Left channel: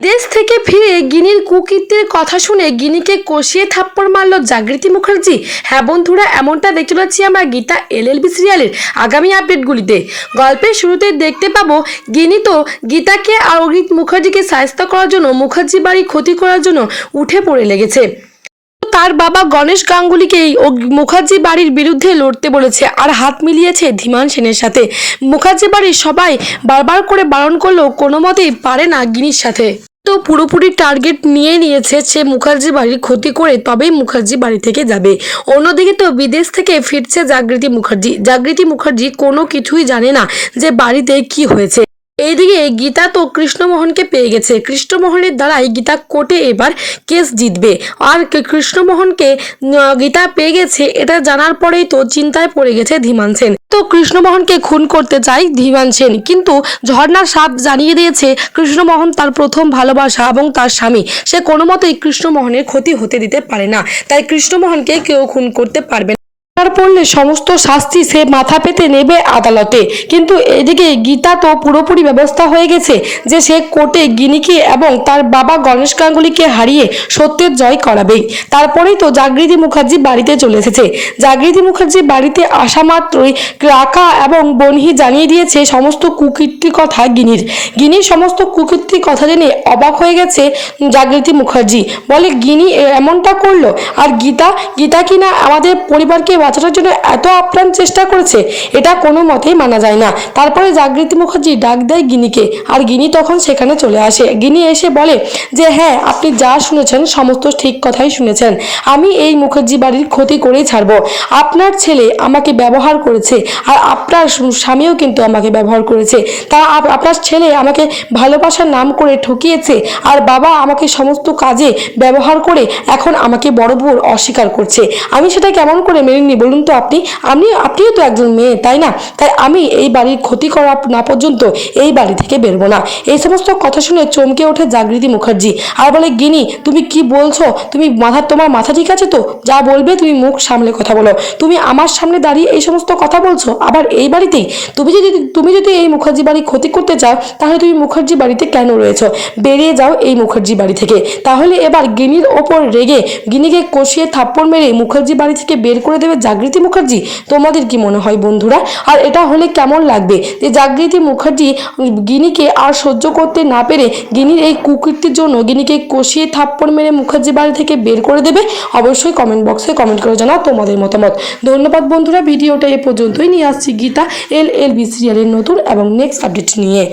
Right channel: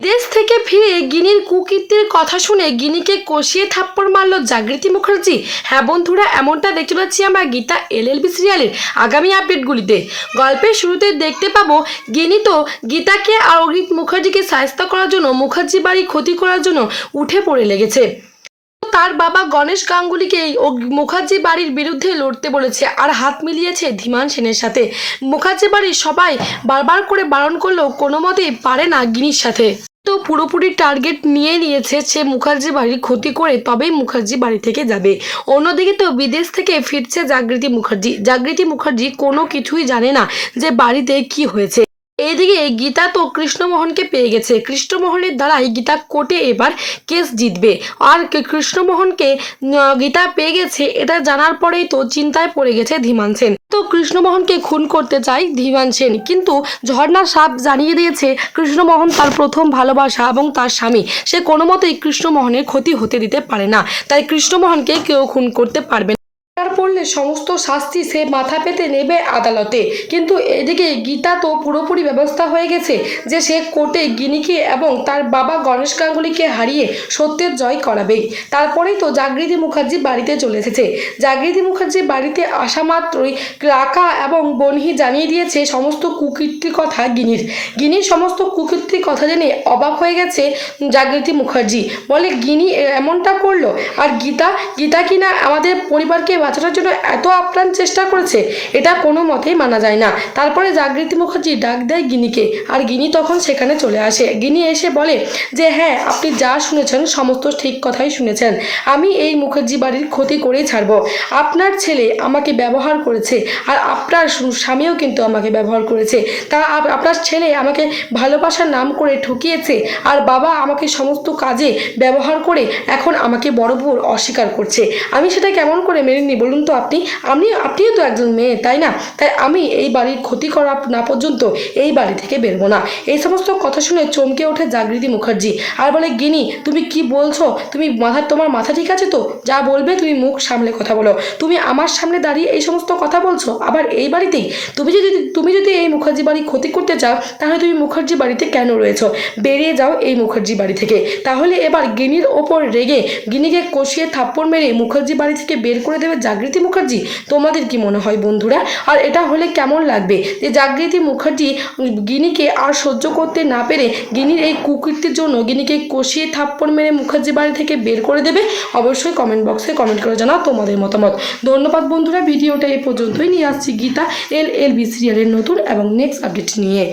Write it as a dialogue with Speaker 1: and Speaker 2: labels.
Speaker 1: দেশ থেকে ফিরে গিনির কুকীর্তির কথা শুনে গিনিকে কষিয়ে থাপ্পড় মারল জাগৃতি মুখার্জি। হ্যাঁ বন্ধুরা, এমনটা দেখতে পাচ্ছি আমরা গীতা এলএলবি সিরিয়ালের আগামী আপডেটগুলিতে। গল্পের শুরুতে দেখতে পাবো, গিনি তো গীতাকে আর অগ্রিত মুখার্জিকে সাহায্য করার জন্য, মুখার্জি বাড়ি ক্ষতি করার জন্য উঠে পড়ে লেগেছে। তার বাবা গণেশ গাঙ্গুলিকেই ও মুখার্জি বাড়ির বিরুদ্ধে লড়তে বলেছে আর হাত মিলিয়েছে ধীমান সেনের সাথে। মুখার্জি বাড়ির সবাই বারবার করে বারণ করলেও কোনো মতেই পারে না গিনির সাথে। তো পুরোপুরি টার্গেট নিয়ে নিয়েছে সে মুখার্জি বাড়ির ক্ষতি করে তবেই মুখার্জি বাড়ি থেকে যাবে। অন্যদিকে তো বিদেশ থেকে ফিরছে জাগৃতি মুখার্জি। জাগৃতি মুখার্জি কোনো কিছুই জানে না যে বাড়িতে কি হয়েছে। এইদিকে গীতা তো কৃষ্ণমোহনকে পেয়ে গেছে। কৃষ্ণমোহনের দ্বারাই গীতা কোর্টে এবার কেস জিতবে। আর কৃষ্ণমোহনকে গীতা পেয়ে গেছে, এটা জানার পরেই তো চিন্তায় পড়ে গেছে ধীমান সেন। তো কৃষ্ণমোহনকে খুন করতে চায় ধীমান সেন, কিন্তু ঝর্ণার সাপ জানিয়ে দিয়েছে কৃষ্ণমোহন তার প্রথম ভালোবাসা এবং তার স্বামী। সে কোনো মতেই কৃষ্ণমোহনের ক্ষতি হতে দিতে পারে না। তাই কৃষ্ণমোহনকে কেউ খুন করতে পারবে পড়লে সমস্ত শাস্তি সে মাথা পেতে নেবে আদালতে। কিন্তু এদিকে গীতা তো পুরোপুরি ব্যবস্থা হয়ে গেছে যে সে কোর্টে গিনিকে এবং তার বাবা গণেশ গাঙ্গুলিকে হারিয়ে সত্যের জয় করাবেই। তারপরেই তো জাগৃতি মুখার্জি বাড়িতে চলে এসেছে। জাগৃতি মুখার্জি বাড়িতে আসা মাত্রই রাকা এবং বনহি জানিয়ে দিয়েছে সমস্ত কুকীর্তির কথা গিনির। গিনির সমস্ত কুকীর্তির কথা জেনে অবাক হয়ে গেছে জাগৃতি মুখার্জি। বলে, গিনি এমনটা করল? আর গীতা? গীতা কিনা আমাদের পরিবারকে বাঁচানোর জন্য এত আপ্রাণ চেষ্টা করেছে, এটা কোনো মতেই মানা যায় না। তারপরে জাগৃতি মুখার্জি ডাক দেয় গিনিকে, আর গিনি তখন সেখানে চলে আসে। গিনি এসে বলে যে হ্যাঁ আপনি যা শুনেছেন সমস্ত ঠিক কথাই শুনেছেন। আমি এই মুখার্জি বাড়ির ক্ষতি করেই ছাড়বো। আপনার ছেলে আমাকে ব্যবহার করেছে, আর আপনার স্বামীও কিন্তু আমাকে ব্যবহার করেছে। তা আপ- আপনার ছেলে আমাকে ভালোবাসার নাম করে ঠকিয়েছে, আর বাবা আমাকে সমস্ত কাজে ব্যবহার করে এখন আমাকে বড় বোর অস্বীকার করছে। আমি সেটা কেমন করে মেনে নিই বলুন তো আপনি, আমি, আপনিও তো একজন মেয়ে, তাই না? তাই আমি এই বাড়ির ক্ষতি করা না পর্যন্ত এই বাড়ি থেকে বেরবো না। এই সমস্ত কথা শুনে চমকে ওঠে জাগৃতি মুখার্জি। আর বলে গিনি তুমি কি বলছো? তুমি মাথা, তোমার মাথা ঠিক আছে তো? যা বলবে তুমি মুখ সামলে কথা বলো। তুমি আমার সামনে দাঁড়িয়ে এই সমস্ত কথা বলছো? আবার এই বাড়িতেই? তুমি যদি তুমি যদি এই মুখার্জি বাড়ি ক্ষতি করতে চাও, তাহলে তুমি মুখার্জি বাড়িতে কেন রয়েছো? বেরিয়ে যাও এই মুখার্জি বাড়ি থেকে। তাহলে এবার গিনির ওপর রেগে গিনিকে কষিয়ে থাপ্পড় মেরে মুখার্জি বাড়ি থেকে বের করে দেবে জাগৃতি মুখার্জি, তোমাদের কি মনে হয় বন্ধুরা? আর এটা হলে কেমন লাগবে? যে জাগৃতি মুখার্জি, গিনিকে আর সহ্য করতে না পেরে গিনির এই কুকীর্তির জন্য গিনিকে কষিয়ে থাপ্পড় মেরে মুখার্জি বাড়ি থেকে বের করে দেবে, অবশ্যই কমেন্ট বক্সে কমেন্ট করে জানাও তোমাদের মতামত। ধন্যবাদ বন্ধুরা, ভিডিওটা এ পর্যন্তই নিয়ে আসছি গীতা, এল এল বি সিরিয়ালের নতুন এবং নেক্সট আপডেট নিয়ে।